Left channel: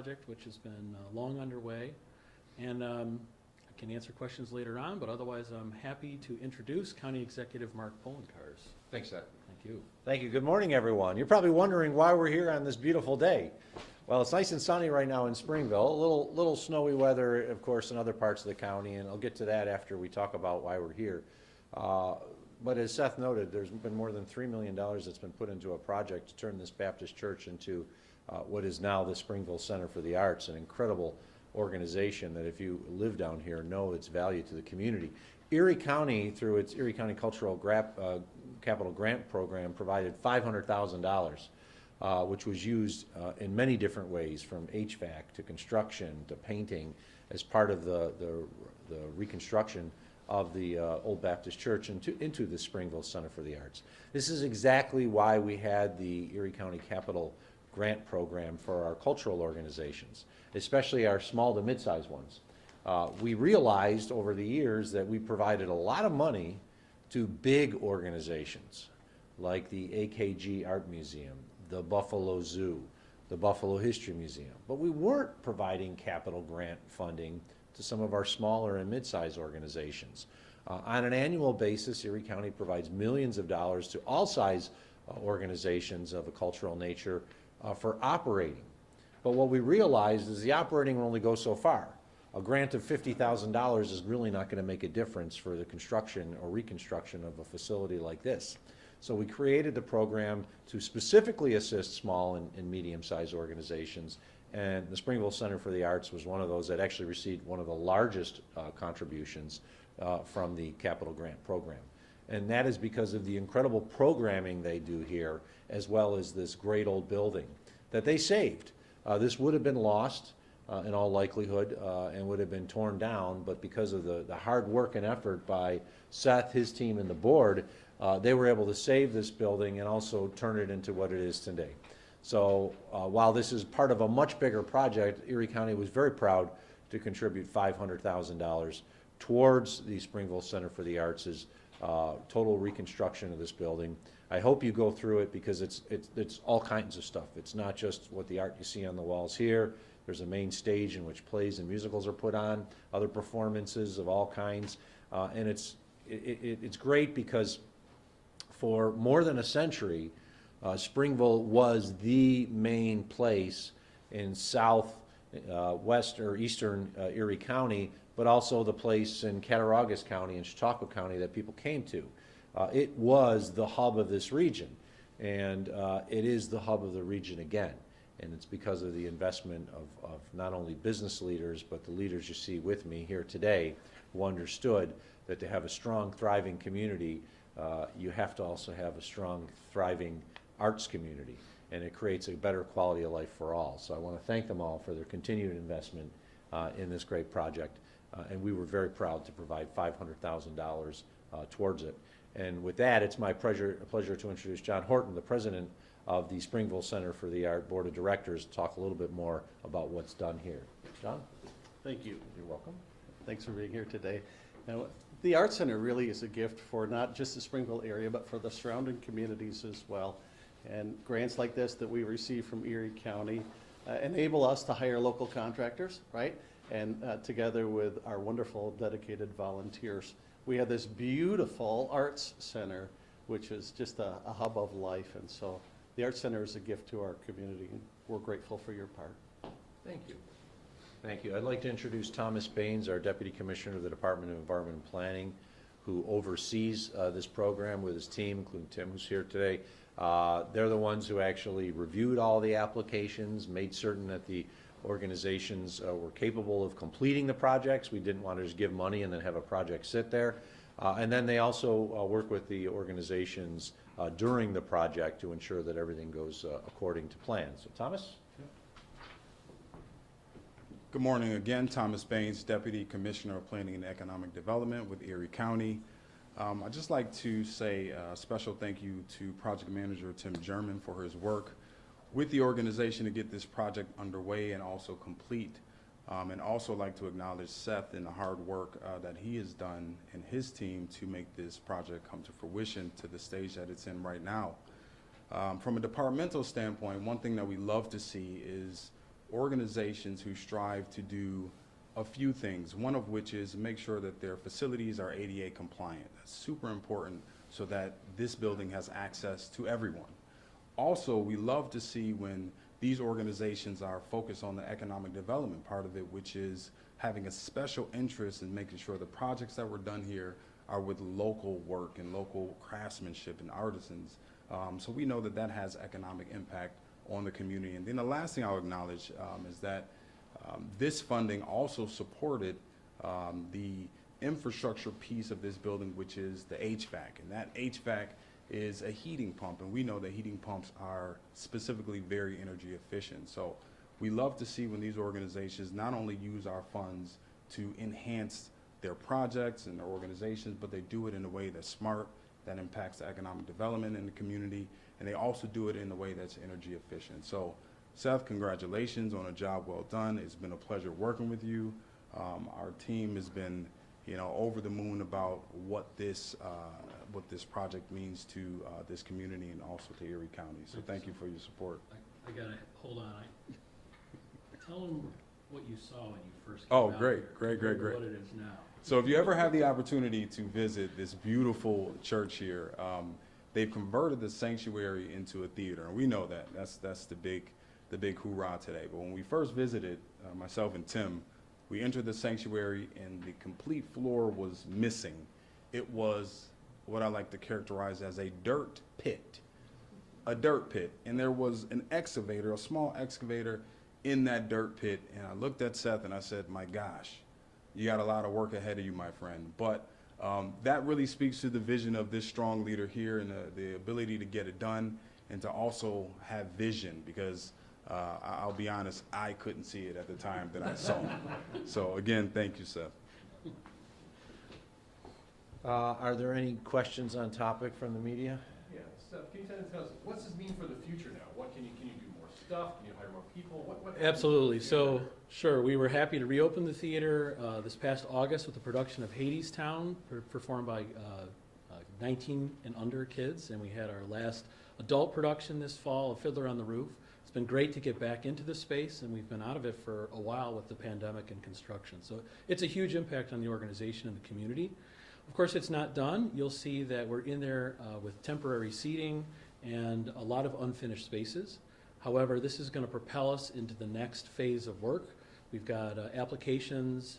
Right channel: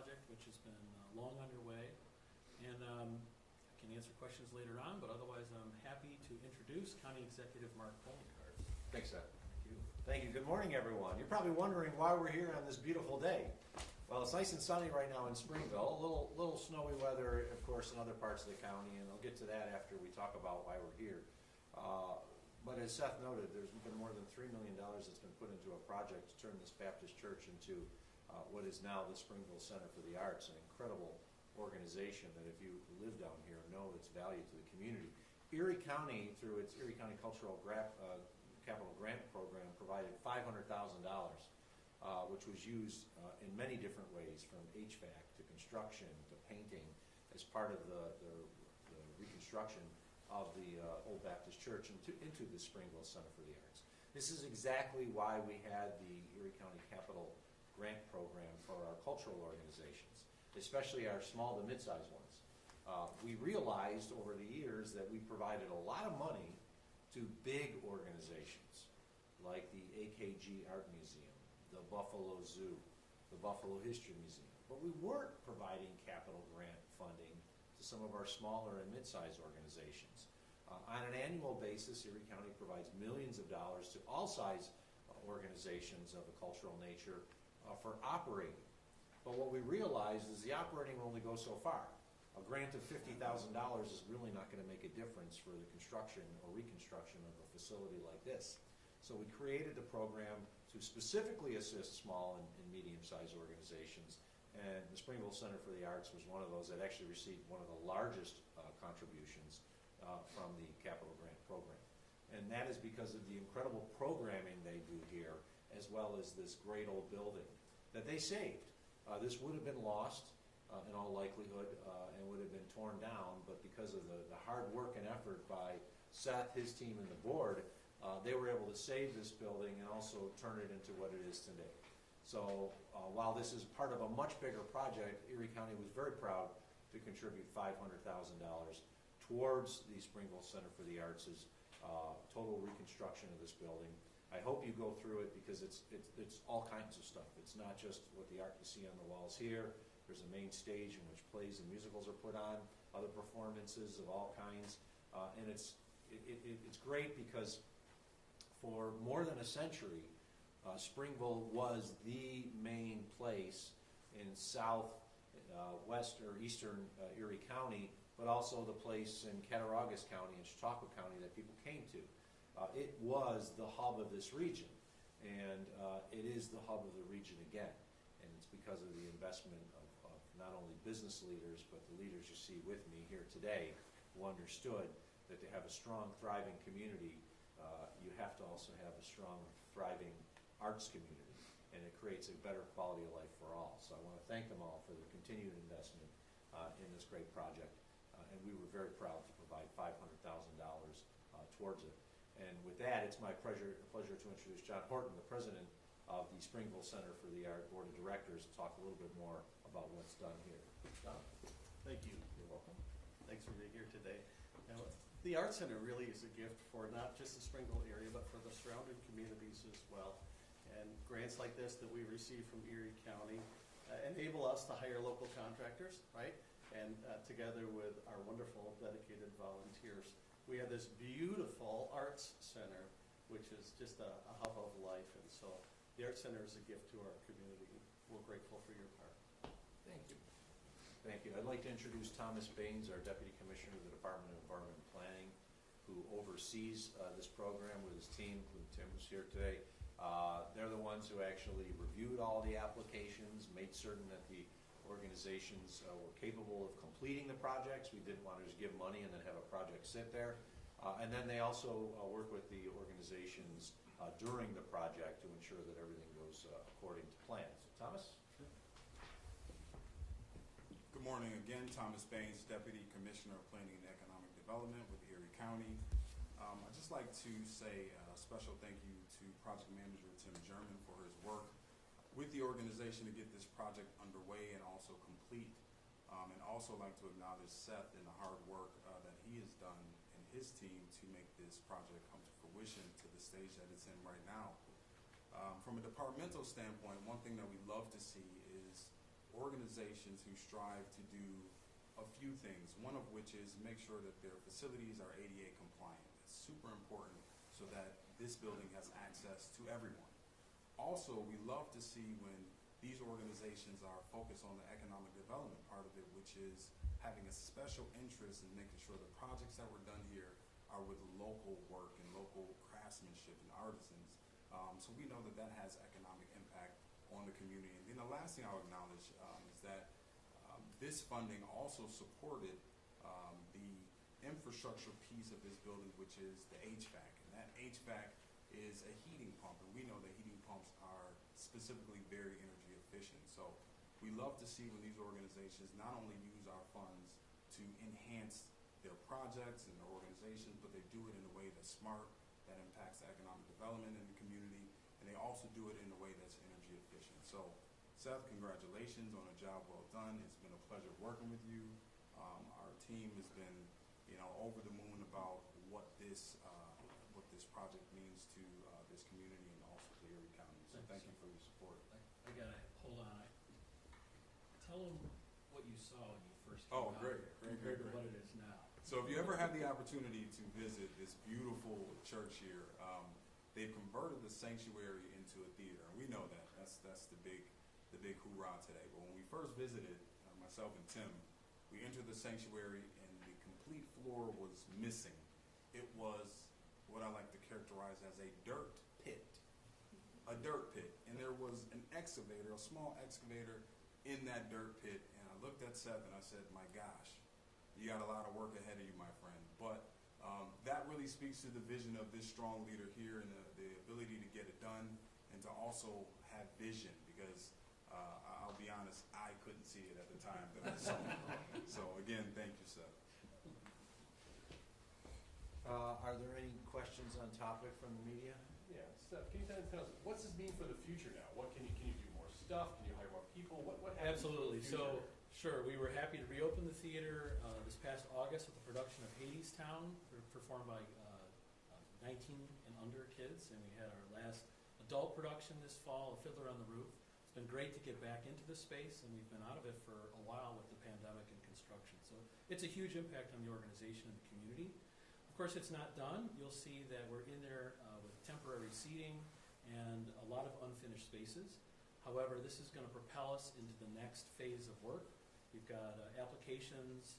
project, which has been long underway. And I can answer questions later on, but otherwise I'm happy to introduce County Executive Mark Poloncarz. Thanks, Seth. Thank you. Thank you. Good morning, everyone. You're probably wondering why we're here on this beautiful day. Well, it's nice and sunny right now in Springville. A little snowy weather, of course, in other parts of the county, and I'll get to that after we talk about why we're here. But as Seth noted, there's been more than $3 million that's been put into a project to turn this Baptist church into what is now the Springville Center for the Arts, an incredible organization that if you live down here know its value to the community. Erie County, through its Erie County Cultural Capital Grant Program, provided $500,000, which was used in many different ways, from HVAC to construction to painting, as part of the reconstruction of the Old Baptist Church into the Springville Center for the Arts. This is exactly why we had the Erie County Capital Grant Program for our cultural organizations, especially our small to mid-sized ones. We realized over the years that we provided a lot of money to big organizations like the AKG Art Museum, the Buffalo Zoo, the Buffalo History Museum, but we weren't providing capital grant funding to some of our smaller and mid-sized organizations. On an annual basis, Erie County provides millions of dollars to all size organizations of a cultural nature for operating. But what we realized is the operating will only go so far. A grant of $50,000 is really not going to make a difference for the construction or reconstruction of a facility like this. So we created the program to specifically assist small and medium-sized organizations, and the Springville Center for the Arts was one of those that actually received one of the largest contributions from the capital grant program. And that is because of the incredible programming they do here, as well as this great old building that they saved. This would have been lost in all likelihood and would have been torn down, but because of the hard work and effort by Seth, his team, and the board, they were able to save this building and also turn it into what it is today. So while this is part of a much bigger project, Erie County was very proud to contribute $500,000 towards the Springville Center for the Arts' total reconstruction of this building. I hope you go through it because it's all kinds of stuff. It's not just what the art you see on the walls here. There's a main stage in which plays and musicals are put on, other performances of all kinds, and it's great because for more than a century, Springville was the main place in west or eastern Erie County, but also the place in Cattaraugus County and Chautauqua County that people came to. It was the hub of this region, and it is the hub of the region again. And it's because of the investment of not only business leaders, but the leaders you see with me here today, who understood that to have a strong, thriving community, you have to also have a strong, thriving arts community, and it creates a better quality of life for all. So I want to thank them all for their continued investment in this great project, and we were very proud to provide $500,000 towards it. And with that, it's my pleasure to introduce John Horton, the president of the Springville Center for the Art Board of Directors, to talk a little bit more about what's done here. John? Thank you. You're welcome. Thanks for being here today. Now, the Art Center really is a gift for not just the Springville area, but for the surrounding communities as well. And grants like this that we receive from Erie County enable us to hire local contractors, right? And together with our wonderful dedicated volunteers, we have this beautiful arts center, which is just a hub of life. And so the Arts Center is a gift to our community, and we're grateful for your part. Thank you. Thank you. I'd like to introduce Thomas Baines, our Deputy Commissioner of the Department of Environment and Planning, who oversees this program with his team, including Tim, who's here today. They're the ones who actually reviewed all the applications, made certain that the organizations were capable of completing the projects. We didn't want to just give money and then have a project sit there. And then they also work with the organizations during the project to ensure that everything goes according to plan. So Thomas? Good morning again. Thomas Baines, Deputy Commissioner of Planning and Economic Development with Erie County. I'd just like to say a special thank you to Project Manager Tim German for his work with the organization to get this project underway and also complete. And also like to acknowledge Seth and the hard work that he has done and his team to make this project come to fruition to the stage that it's in right now. From a departmental standpoint, one thing that we love to see is organizations who strive to do a few things, one of which is make sure that their facilities are ADA compliant. That's super important so that this building has access to everyone. Also, we love to see when these organizations are focused on the economic development part of it, which is having a special interest in making sure the projects that were done here are with local work and local craftsmanship and artisans. So we know that that has economic impact on the community. And then the last thing I'll acknowledge is that this funding also supported the infrastructure piece of this building, which is the HVAC. And that HVAC is a heating pump, and we know that heating pumps are specifically very energy efficient. So we love to see when these organizations not only use our funds to enhance their projects and their organizations, but they do it in a way that's smart, that impacts the economic development in the community, and they also do it in a way that's energy efficient. So Seth, congratulations on a job well done. It's been a pleasure working with you. Our team has been, over the moon about what this project means to this community and also to Erie County. So thank you for your support. I gotta, hold on. Tell them what you saw when you first came Oh, out great, here great, great, compared to great. what it is now. So if you ever have the opportunity to visit this beautiful church here, they've converted the sanctuary into a theater, and we know that. That's the big hoorah today. But when we first visited, myself and Tim, we entered the sanctuary and the complete floor was missing. It was what I like to characterize as a dirt pit. A dirt pit. And there was an excavator, a small excavator in that dirt pit. And I looked at Seth and I said, my gosh, you got a lot of work ahead of you, my friend. But that really speaks to the vision of this strong leader here and the ability to get it done and to also have vision, because I'll be honest, I couldn't see it at the time that I saw it. So again, thank you, Seth. Are there any questions on topic from the media? Yeah, Steph, can you tell us, what's this mean for the future now? What can you do more stuff? Can you hire more people? What Absolutely. So, sure, we were happy to reopen the theater this past August with the production of Hadestown, performed by 19 and under kids, and we had our last adult production this fall, A Fiddler on the Roof. It's been great to get back into this space, and we've been out of it for a while with the pandemic and construction. So it's a huge impact on the organization and the community. Of course, it's not done. You'll see that we're in there with temporary seating and a lot of unfinished spaces. However, this is going to propel us into the next phase of work. We've got applications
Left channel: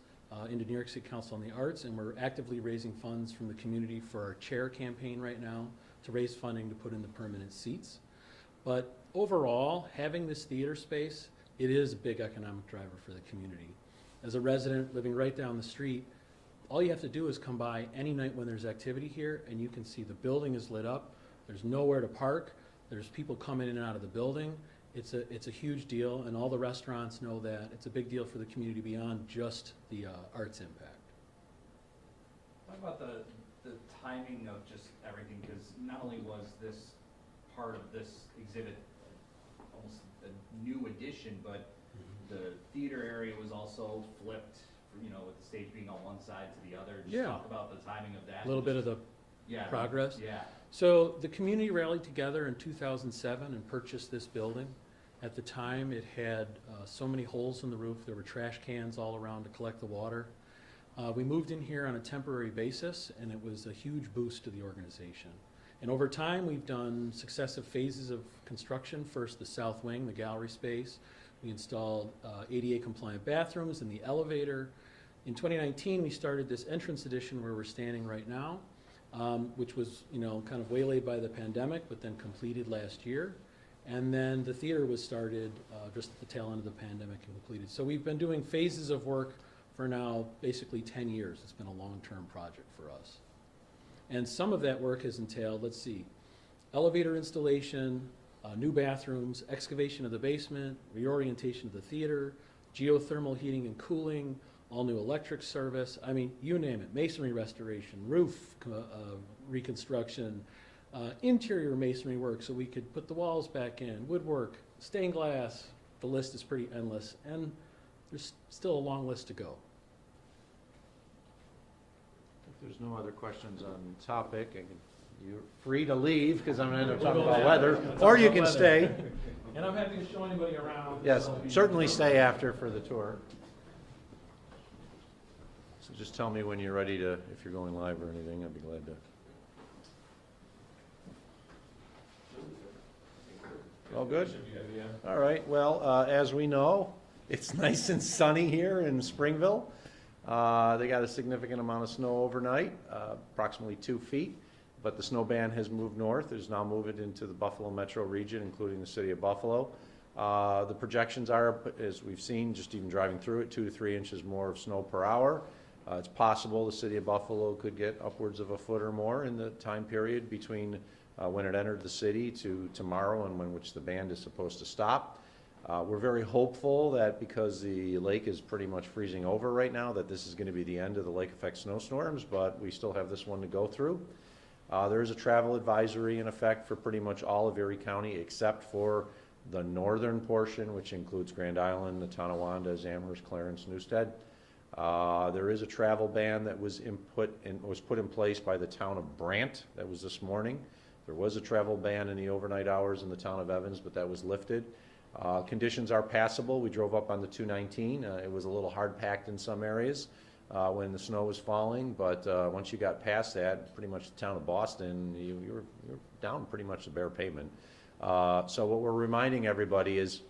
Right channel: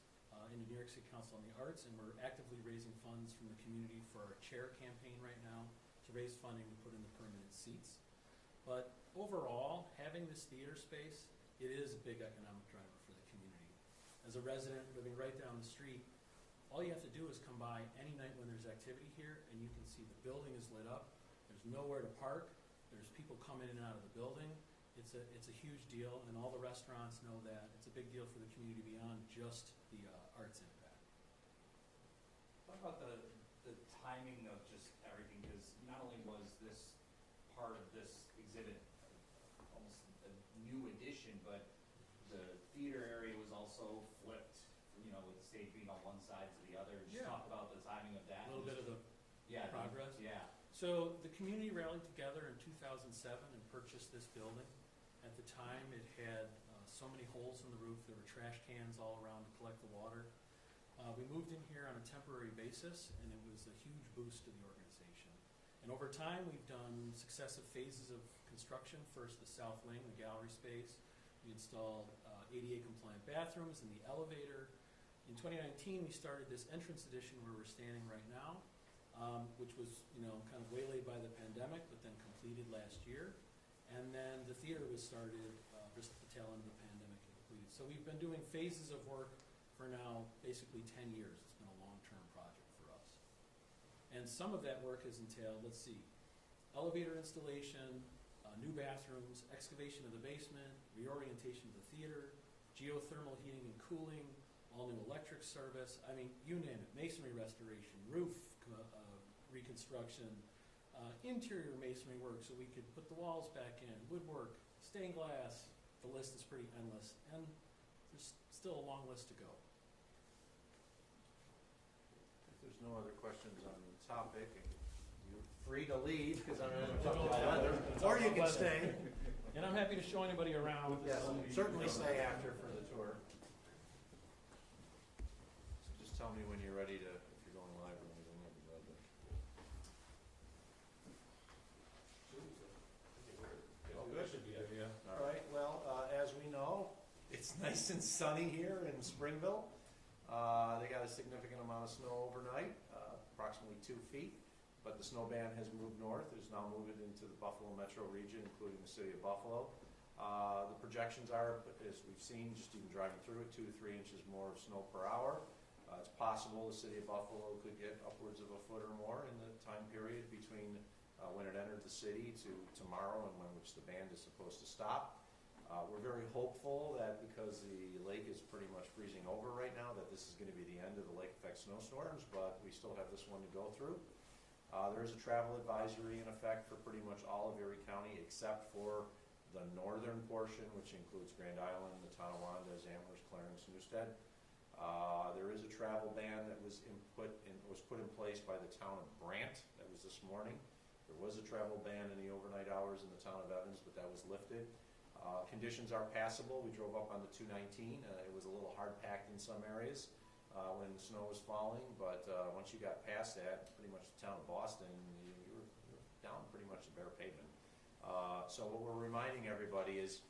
into New York City Council on the Arts, and we're actively raising funds from the community for our chair campaign right now to raise funding to put in the permanent seats. But overall, having this theater space, it is a big economic driver for the community. As a resident living right down the street, all you have to do is come by any night when there's activity here, and you can see the building is lit up. There's nowhere to park. There's people coming in and out of the building. It's a huge deal, and all the restaurants know that. It's a big deal for the community beyond just the arts impact. Talk about the timing of just everything, because not only was this part of this exhibit almost a new addition, but the theater area was also flipped, with the stage being on one side to the other. Just talk about the timing of that. A little bit of the progress. Yeah. So the community rallied together in 2007 and purchased this building. At the time, it had so many holes in the roof. There were trash cans all around to collect the water. We moved in here on a temporary basis, and it was a huge boost to the organization. And over time, we've done successive phases of construction. First, the south wing, the gallery space. We installed ADA compliant bathrooms and the elevator. In 2019, we started this entrance addition where we're standing right now, which was, kind of waylaid by the pandemic, but then completed last year. And then the theater was started just at the tail end of the pandemic and completed. So we've been doing phases of work for now basically 10 years. It's been a long-term project for us. And some of that work has entailed, elevator installation, new bathrooms, excavation of the basement, reorientation of the theater, geothermal heating and cooling, all new electric service. I mean, you name it, masonry restoration, roof reconstruction, interior masonry work so we could put the walls back in, woodwork, stained glass. The list is pretty endless, and there's still a long list to go. If there's no other questions on the topic, I can You're free to leave, because I'm gonna end up We'll talking go about there. weather, We'll talk or you about can weather. stay. And I'm happy to show anybody around. Yes, certainly stay after for the tour. So just tell me when you're ready to, if you're going live or anything, I'd be glad to. All good? All right, well, as we know, it's nice and sunny here in Springville. They got a significant amount of snow overnight, approximately 2 feet, but the snow band has moved north. It's now moved into the Buffalo metro region, including the city of Buffalo. The projections are, as we've seen, just even driving through it, 2 to 3 inches more of snow per hour. It's possible the city of Buffalo could get upwards of a foot or more in the time period between when it entered the city to tomorrow and when which the band is supposed to stop. We're very hopeful that because the lake is pretty much freezing over right now, that this is going to be the end of the lake effect snowstorms, but we still have this one to go through. There is a travel advisory in effect for pretty much all of Erie County except for the northern portion, which includes Grand Island, the Tonawanda, Amherst, Clarence, Newstead. There is a travel ban that was put in place by the town of Brant. That was this morning. There was a travel ban in the overnight hours in the town of Evans, but that was lifted. Conditions are passable. We drove up on the 219. It was a little hard-packed in some areas when the snow was falling, but once you got past that, pretty much the town of Boston, you're down pretty much the bare pavement. So what we're reminding everybody is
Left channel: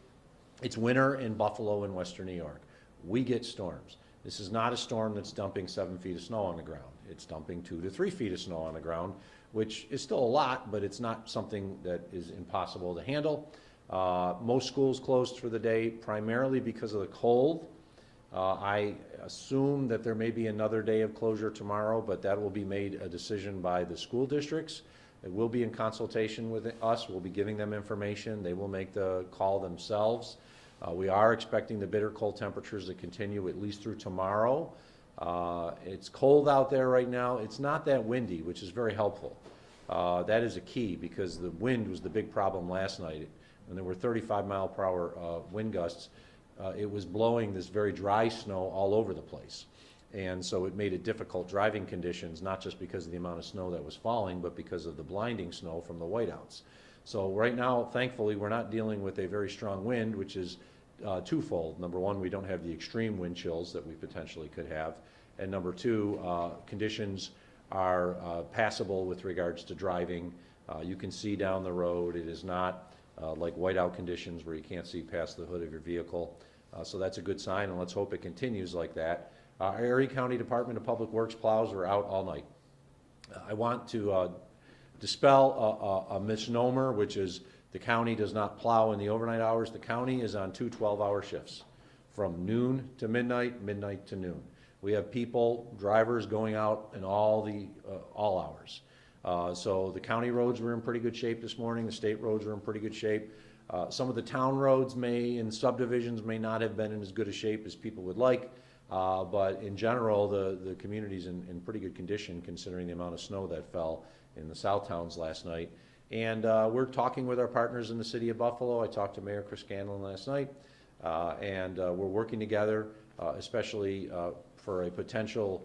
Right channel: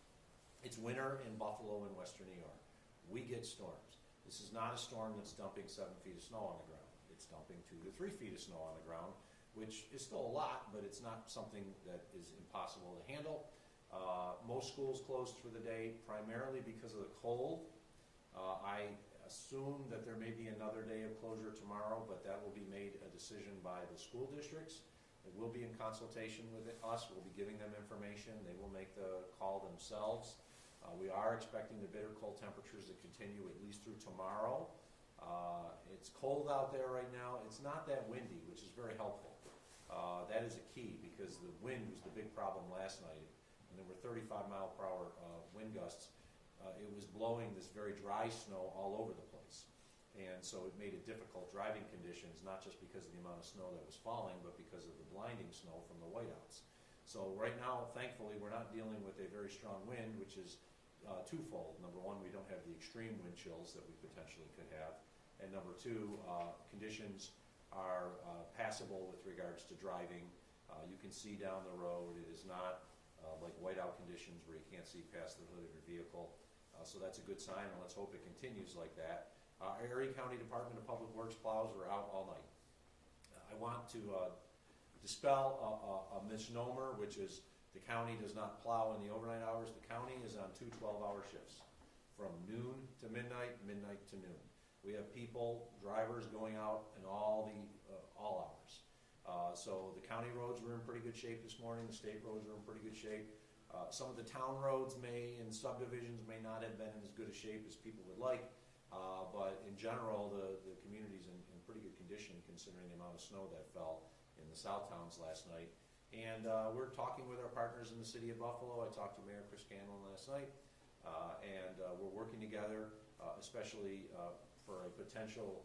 it's winter in Buffalo and Western New York. We get storms. This is not a storm that's dumping 7 feet of snow on the ground. It's dumping 2 to 3 feet of snow on the ground, which is still a lot, but it's not something that is impossible to handle. Most schools closed for the day primarily because of the cold. I assume that there may be another day of closure tomorrow, but that will be made a decision by the school districts. It will be in consultation with us. We'll be giving them information. They will make the call themselves. We are expecting the bitter cold temperatures to continue at least through tomorrow. It's cold out there right now. It's not that windy, which is very helpful. That is a key because the wind was the big problem last night. When there were 35-mile-per-hour wind gusts, it was blowing this very dry snow all over the place. And so it made it difficult driving conditions, not just because of the amount of snow that was falling, but because of the blinding snow from the whiteouts. So right now, thankfully, we're not dealing with a very strong wind, which is twofold. Number one, we don't have the extreme wind chills that we potentially could have. And number two, conditions are passable with regards to driving. You can see down the road. It is not like whiteout conditions where you can't see past the hood of your vehicle. So that's a good sign, and let's hope it continues like that. Our Erie County Department of Public Works plows were out all night. I want to dispel a misnomer, which is the county does not plow in the overnight hours. The county is on 2 12-hour shifts from noon to midnight, midnight to noon. We have people, drivers going out in all hours. So the county roads were in pretty good shape this morning. The state roads were in pretty good shape. Some of the town roads in subdivisions may not have been in as good a shape as people would like. But in general, the community's in pretty good condition considering the amount of snow that fell in the south towns last night. And we're talking with our partners in the city of Buffalo. I talked to Mayor Chris Scanlon last night, and we're working together, especially for a potential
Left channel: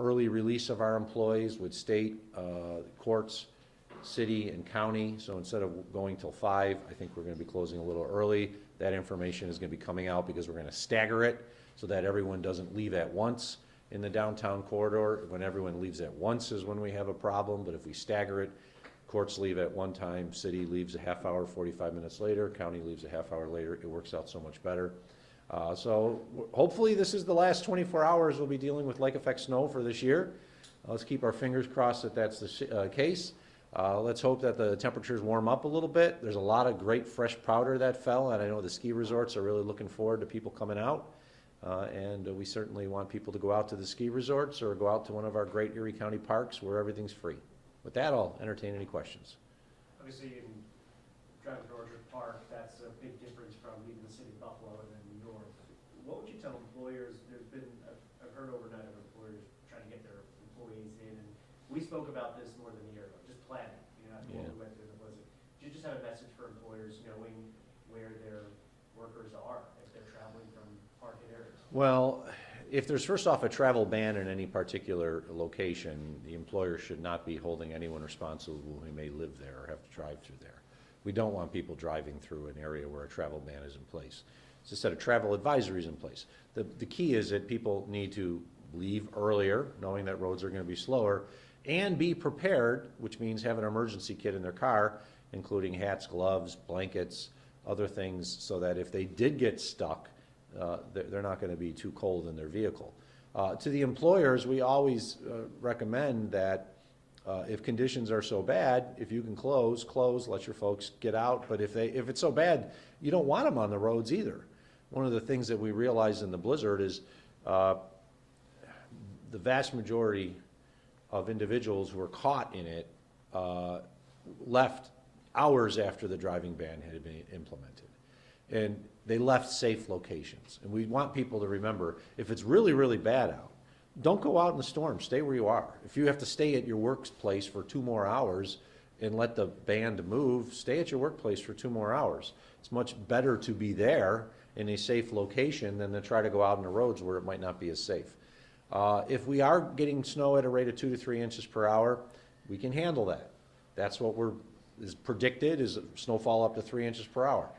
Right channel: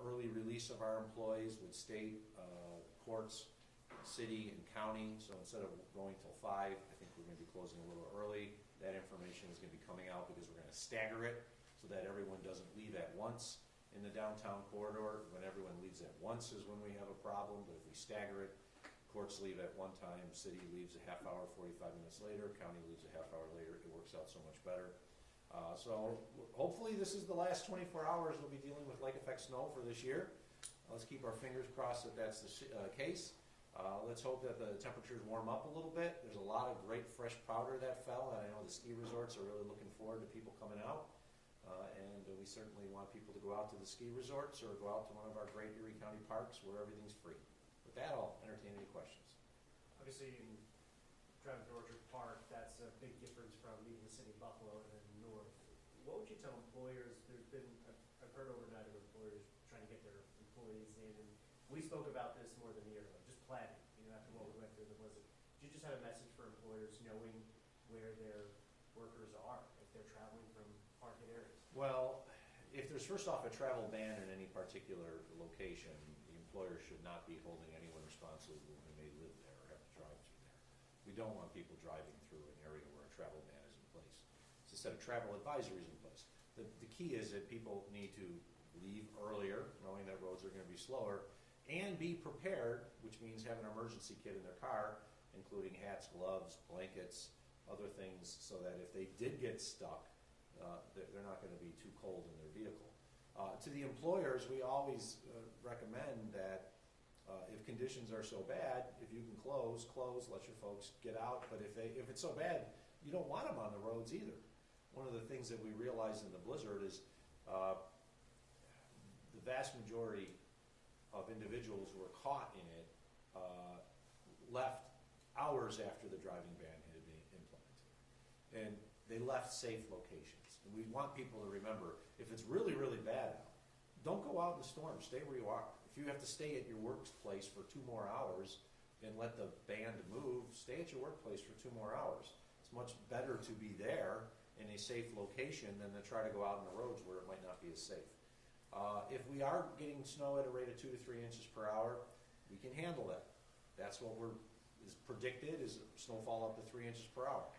early release of our employees with state courts, city, and county. So instead of going till 5, I think we're going to be closing a little early. That information is going to be coming out because we're going to stagger it so that everyone doesn't leave at once in the downtown corridor. When everyone leaves at once is when we have a problem, but if we stagger it, courts leave at one time, city leaves a half hour, 45 minutes later, county leaves a half hour later. It works out so much better. So hopefully this is the last 24 hours we'll be dealing with lake effect snow for this year. Let's keep our fingers crossed that that's the case. Let's hope that the temperatures warm up a little bit. There's a lot of great fresh powder that fell, and I know the ski resorts are really looking forward to people coming out. And we certainly want people to go out to the ski resorts or go out to one of our great Erie County parks where everything's free. With that, I'll entertain any questions. Obviously, in driving to Orchard Park, that's a big difference from leaving the city of Buffalo and then north. What would you tell employers? There's been, I've heard overnight of employers trying to get their employees in, and we spoke about this more than a year ago, just planning, after what we went through in the blizzard. Do you just have a message for employers knowing where their workers are if they're traveling from hard-hit areas? Well, if there's first off a travel ban in any particular location, the employer should not be holding anyone responsible who may live there or have to drive through there. We don't want people driving through an area where a travel ban is in place. It's a set of travel advisories in place. The key is that people need to leave earlier, knowing that roads are gonna be slower, and be prepared, which means have an emergency kit in their car, including hats, gloves, blankets, other things, so that if they did get stuck, they're not gonna be too cold in their vehicle. To the employers, we always recommend that if conditions are so bad, if you can close, let your folks get out. But if it's so bad, you don't want them on the roads either. One of the things that we realized in the blizzard is the vast majority of individuals who were caught in it left hours after the driving ban had been implemented. And they left safe locations. And we want people to remember, if it's really, really bad out, don't go out in the storm, stay where you are. If you have to stay at your workplace for 2 more hours and let the band move, stay at your workplace for 2 more hours. It's much better to be there in a safe location than to try to go out on the roads where it might not be as safe. If we are getting snow at a rate of 2 to 3 inches per hour, we can handle that. That's what is predicted, is snowfall up to 3 inches per hour.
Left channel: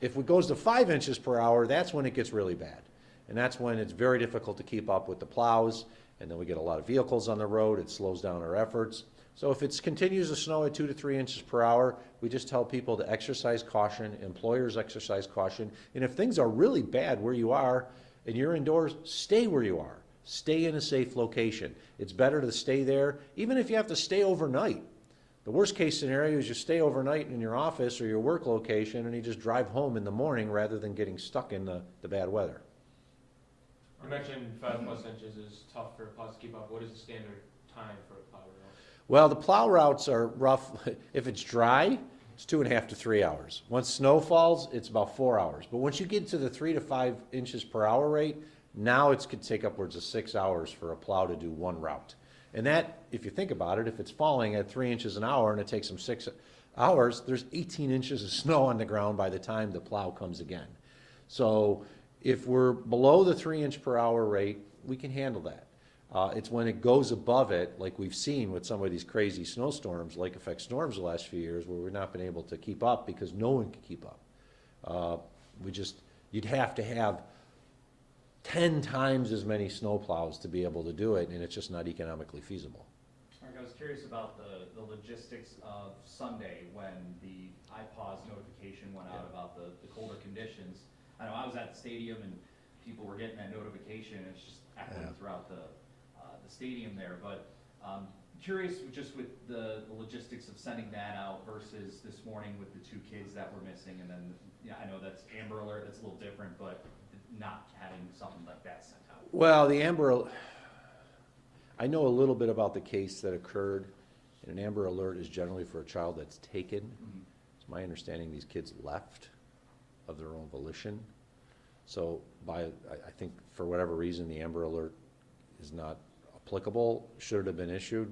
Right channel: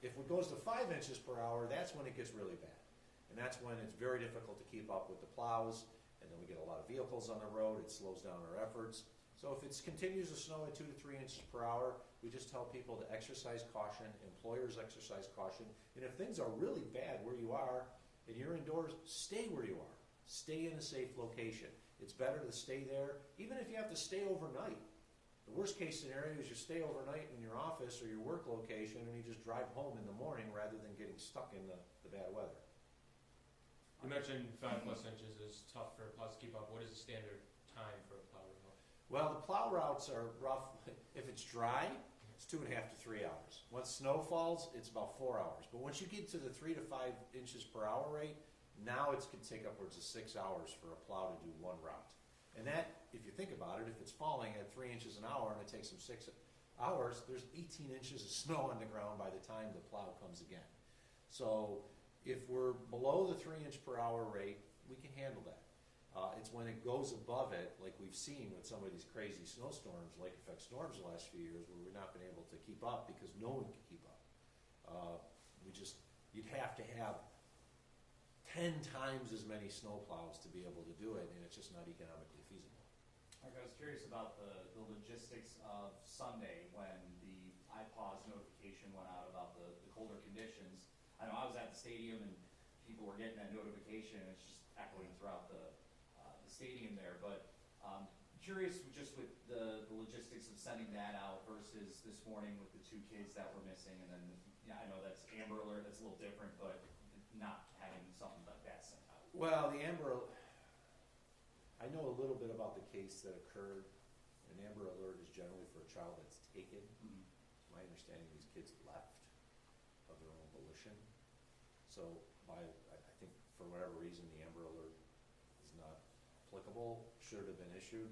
If it goes to 5 inches per hour, that's when it gets really bad. And that's when it's very difficult to keep up with the plows, and then we get a lot of vehicles on the road. It slows down our efforts. So if it continues to snow at 2 to 3 inches per hour, we just tell people to exercise caution, employers exercise caution, and if things are really bad where you are and you're indoors, stay where you are. Stay in a safe location. It's better to stay there, even if you have to stay overnight. The worst case scenario is you stay overnight in your office or your work location and you just drive home in the morning rather than getting stuck in the bad weather. You mentioned 5+ inches is tough for plows to keep up. What is the standard time for a plow route? Well, the plow routes are rough. If it's dry, it's 2.5 to 3 hours. Once snow falls, it's about 4 hours. But once you get to the 3 to 5 inches per hour rate, now it could take upwards of 6 hours for a plow to do one route. And that, if you think about it, if it's falling at 3 inches an hour and it takes them 6 hours, there's 18 inches of snow on the ground by the time the plow comes again. So if we're below the 3 inch per hour rate, we can handle that. It's when it goes above it, like we've seen with some of these crazy snowstorms, lake effect storms the last few years, where we've not been able to keep up because no one can keep up. You'd have to have 10 times as many snowplows to be able to do it, and it's just not economically feasible. Mark, I was curious about the logistics of Sunday when the iPause notification went out about the colder conditions. I know I was at the stadium and people were getting that notification, and it's just echoing throughout the stadium there. But curious just with the logistics of sending that out versus this morning with the 2 kids that were missing, and then I know that's Amber Alert, that's a little different, but not having something like that sent out. Well, I know a little bit about the case that occurred, and an Amber Alert is generally for a child that's taken. Mm-hmm. It's my understanding these kids left of their own volition. So I think for whatever reason, the Amber Alert is not applicable. Should it have been issued?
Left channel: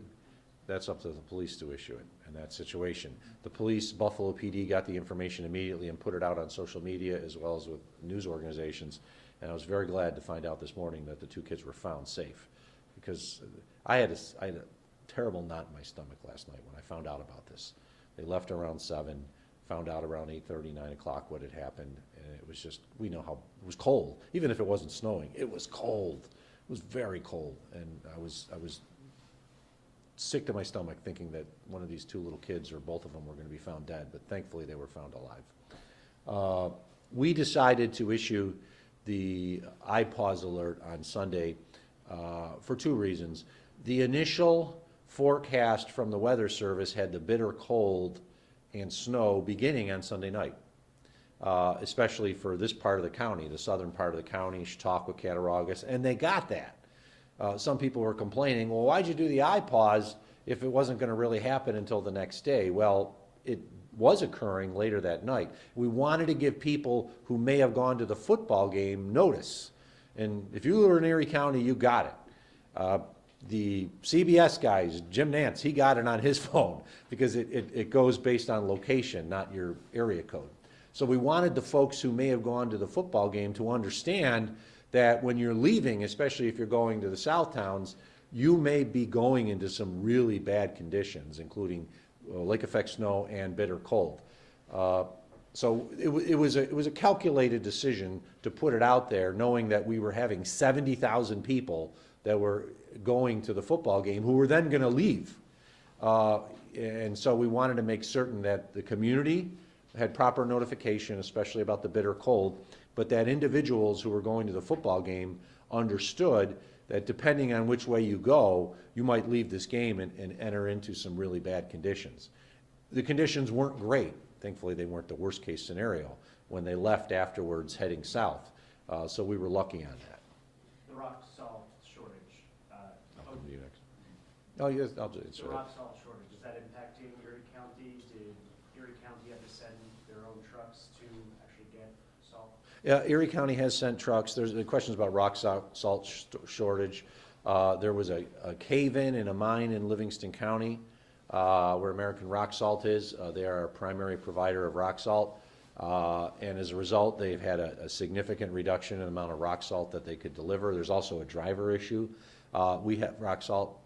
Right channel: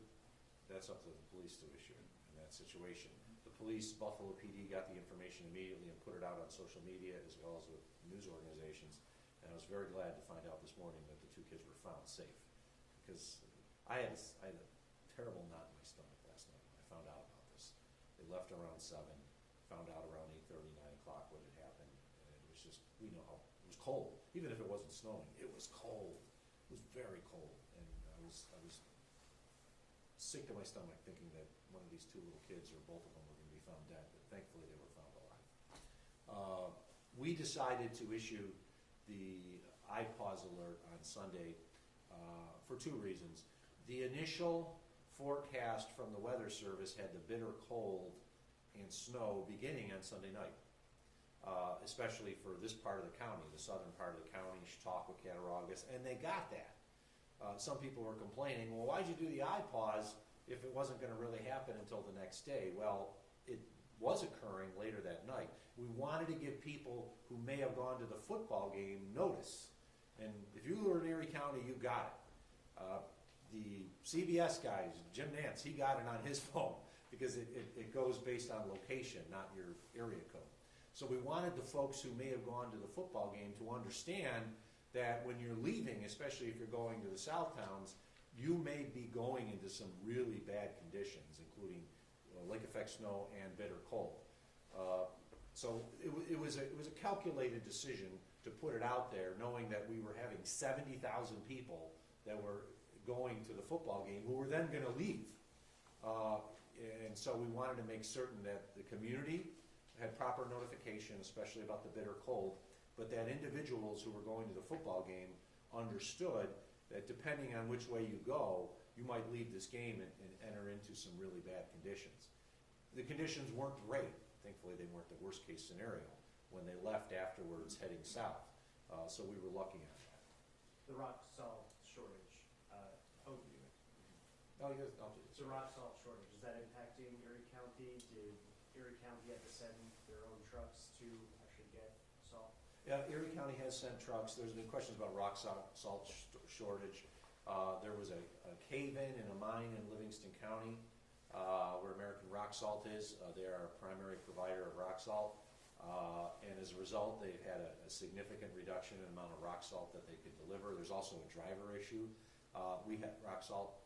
That's up to the police to issue it in that situation. The police, Buffalo PD, got the information immediately and put it out on social media as well as with news organizations. And I was very glad to find out this morning that the 2 kids were found safe, because I had a terrible knot in my stomach last night when I found out about this. They left around 7, found out around 8:30, 9 o'clock what had happened, and it was just, we know how, it was cold. Even if it wasn't snowing, it was cold. It was very cold, and I was sick to my stomach thinking that one of these 2 little kids or both of them were going to be found dead, but thankfully they were found alive. We decided to issue the iPause alert on Sunday for 2 reasons. The initial forecast from the Weather Service had the bitter cold and snow beginning on Sunday night, especially for this part of the county, the southern part of the county, Chautauqua, Cattaraugus, and they got that. Some people were complaining, well, why'd you do the iPause if it wasn't going to really happen until the next day? Well, it was occurring later that night. We wanted to give people who may have gone to the football game notice. And if you were in Erie County, you got it. The CBS guys, Jim Nance, he got it on his phone because it goes based on location, not your area code. So we wanted the folks who may have gone to the football game to understand that when you're leaving, especially if you're going to the south towns, you may be going into some really bad conditions, including lake effect snow and bitter cold. So it was a calculated decision to put it out there, knowing that we were having 70,000 people that were going to the football game who were then going to leave. And so we wanted to make certain that the community had proper notification, especially about the bitter cold, but that individuals who were going to the football game understood that depending on which way you go, you might leave this game and enter into some really bad conditions. The conditions weren't great. Thankfully, they weren't the worst case scenario when they left afterwards heading south. So we were lucky on that. The rock salt shortage, Oh, yes, I'll do it. the rock salt shortage, is that impacting Erie County? Did Erie County have to send their own trucks to actually get salt? Yeah, Erie County has sent trucks. There's the questions about rock salt shortage. There was a cave-in in a mine in Livingston County where American Rock Salt is. They are our primary provider of rock salt. And as a result, they've had a significant reduction in the amount of rock salt that they could deliver. There's also a driver issue. We have rock salt.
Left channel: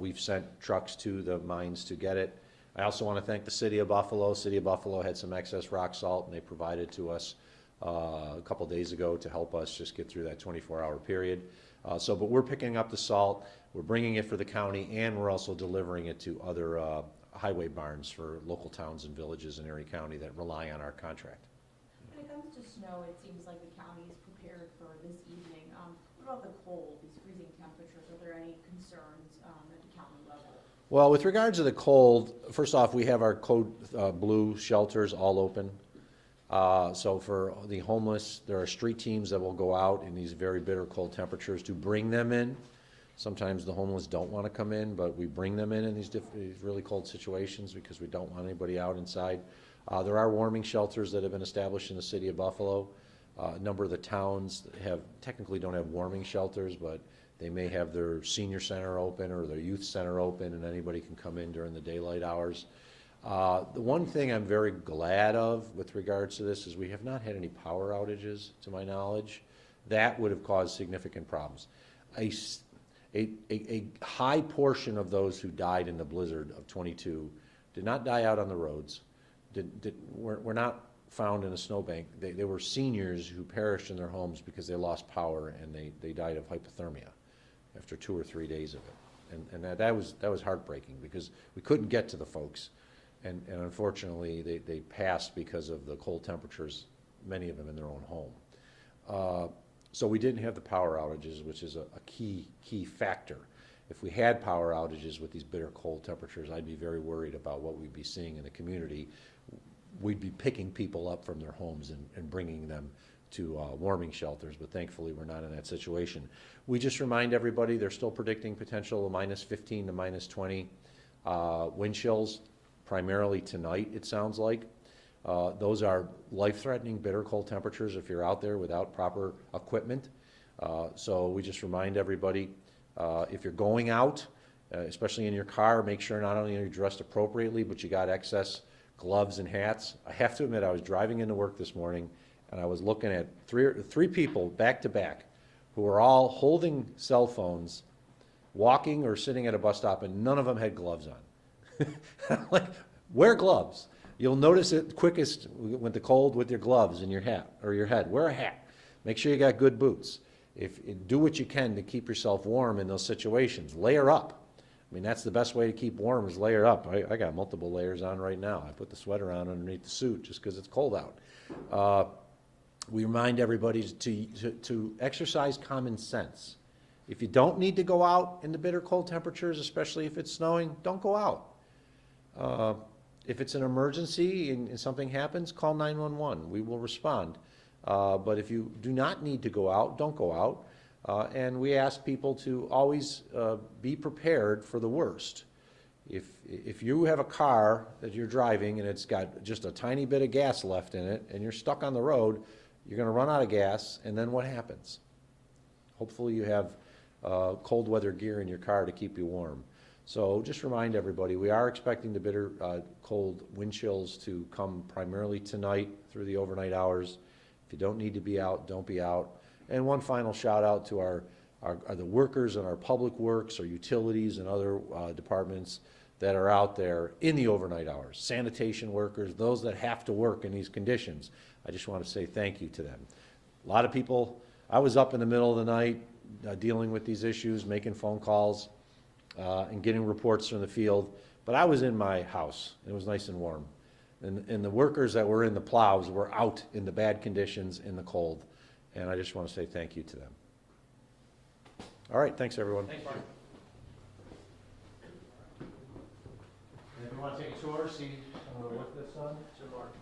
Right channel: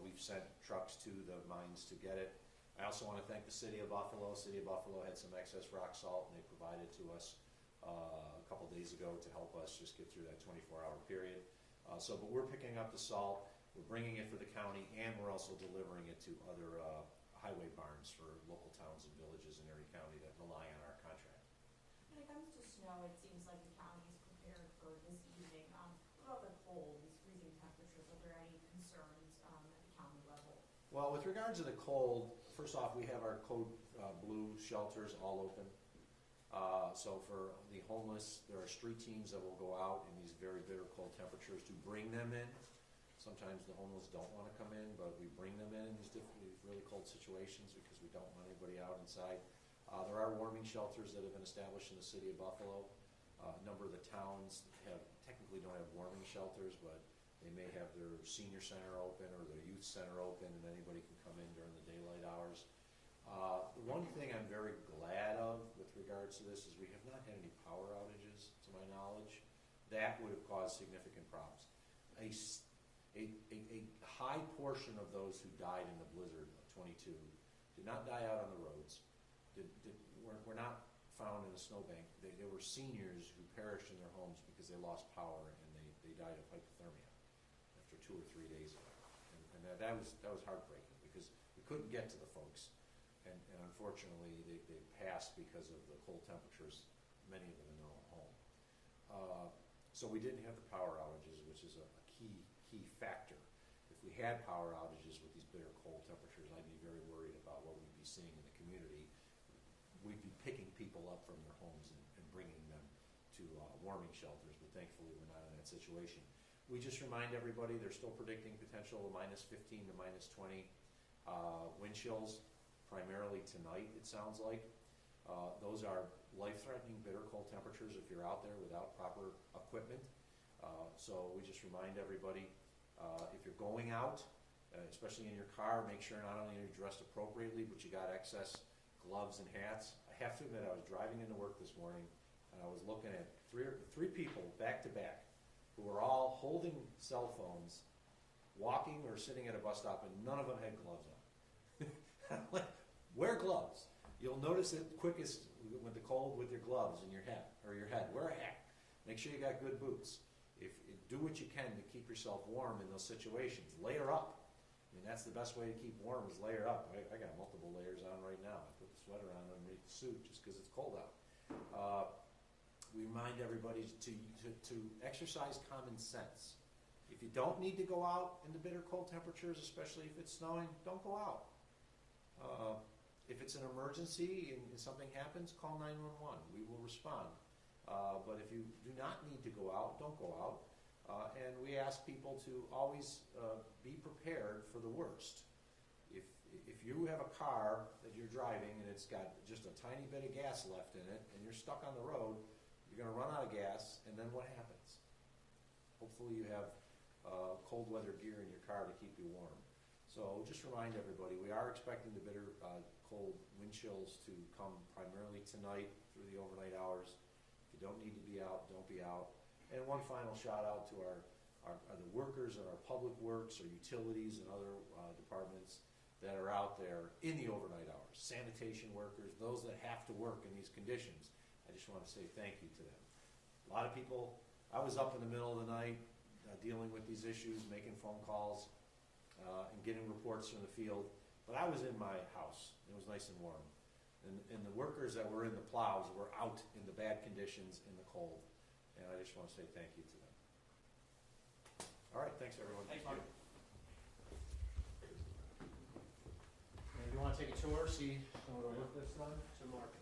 We've sent trucks to the mines to get it. I also want to thank the City of Buffalo. City of Buffalo had some excess rock salt, and they provided to us a couple days ago to help us just get through that 24-hour period. But we're picking up the salt, we're bringing it for the county, and we're also delivering it to other highway barns for local towns and villages in Erie County that rely on our contract. When it comes to snow, it seems like the county is prepared for this evening. What about the cold, these freezing temperatures? Are there any concerns at the county level? Well, with regards to the cold, first off, we have our code blue shelters all open. So for the homeless, there are street teams that will go out in these very bitter cold temperatures to bring them in. Sometimes the homeless don't want to come in, but we bring them in these really cold situations because we don't want anybody out inside. There are warming shelters that have been established in the City of Buffalo. A number of the towns technically don't have warming shelters, but they may have their senior center open or their youth center open, and anybody can come in during the daylight hours. The one thing I'm very glad of with regards to this is we have not had any power outages, to my knowledge. That would have caused significant problems. A high portion of those who died in the blizzard of 22 did not die out on the roads, were not found in a snowbank. They were seniors who perished in their homes because they lost power and they died of hypothermia after 2 or 3 days of it. And that was heartbreaking because we couldn't get to the folks. And unfortunately, they passed because of the cold temperatures, many of them in their own home. So we didn't have the power outages, which is a key factor. If we had power outages with these bitter cold temperatures, I'd be very worried about what we'd be seeing in the community. We'd be picking people up from their homes and bringing them to warming shelters, but thankfully we're not in that situation. We just remind everybody they're still predicting potential of -15 to -20 wind chills, primarily tonight, it sounds like. Those are life-threatening, bitter cold temperatures if you're out there without proper equipment. So we just remind everybody, if you're going out, especially in your car, make sure not only are you dressed appropriately, but you got excess gloves and hats. I have to admit, I was driving into work this morning, and I was looking at three people back to back who were all holding cell phones, walking or sitting at a bus stop, and none of them had gloves on. I'm like, wear gloves. You'll notice it quickest with the cold with your gloves and your hat or your head. Wear a hat. Make sure you got good boots. Do what you can to keep yourself warm in those situations. Layer up. I mean, that's the best way to keep warm is layer up. I got multiple layers on right now. I put the sweater on underneath the suit just because it's cold out. We remind everybody to exercise common sense. If you don't need to go out in the bitter cold temperatures, especially if it's snowing, don't go out. If it's an emergency and something happens, call 911. We will respond. But if you do not need to go out, don't go out. And we ask people to always be prepared for the worst. If you have a car that you're driving and it's got just a tiny bit of gas left in it and you're stuck on the road, you're going to run out of gas, and then what happens? Hopefully you have cold weather gear in your car to keep you warm. So just remind everybody, we are expecting the bitter cold wind chills to come primarily tonight through the overnight hours. If you don't need to be out, don't be out. And one final shout out to the workers in our public works, our utilities and other departments that are out there in the overnight hours. Sanitation workers, those that have to work in these conditions. I just want to say thank you to them. A lot of people, I was up in the middle of the night dealing with these issues, making phone calls and getting reports from the field, but I was in my house. It was nice and warm. And the workers that were in the plows were out in the bad conditions in the cold. And I just want to say thank you to them. All right, thanks everyone. Thanks, Mark. Everyone take a tour, see some of the work that's done? So Mark,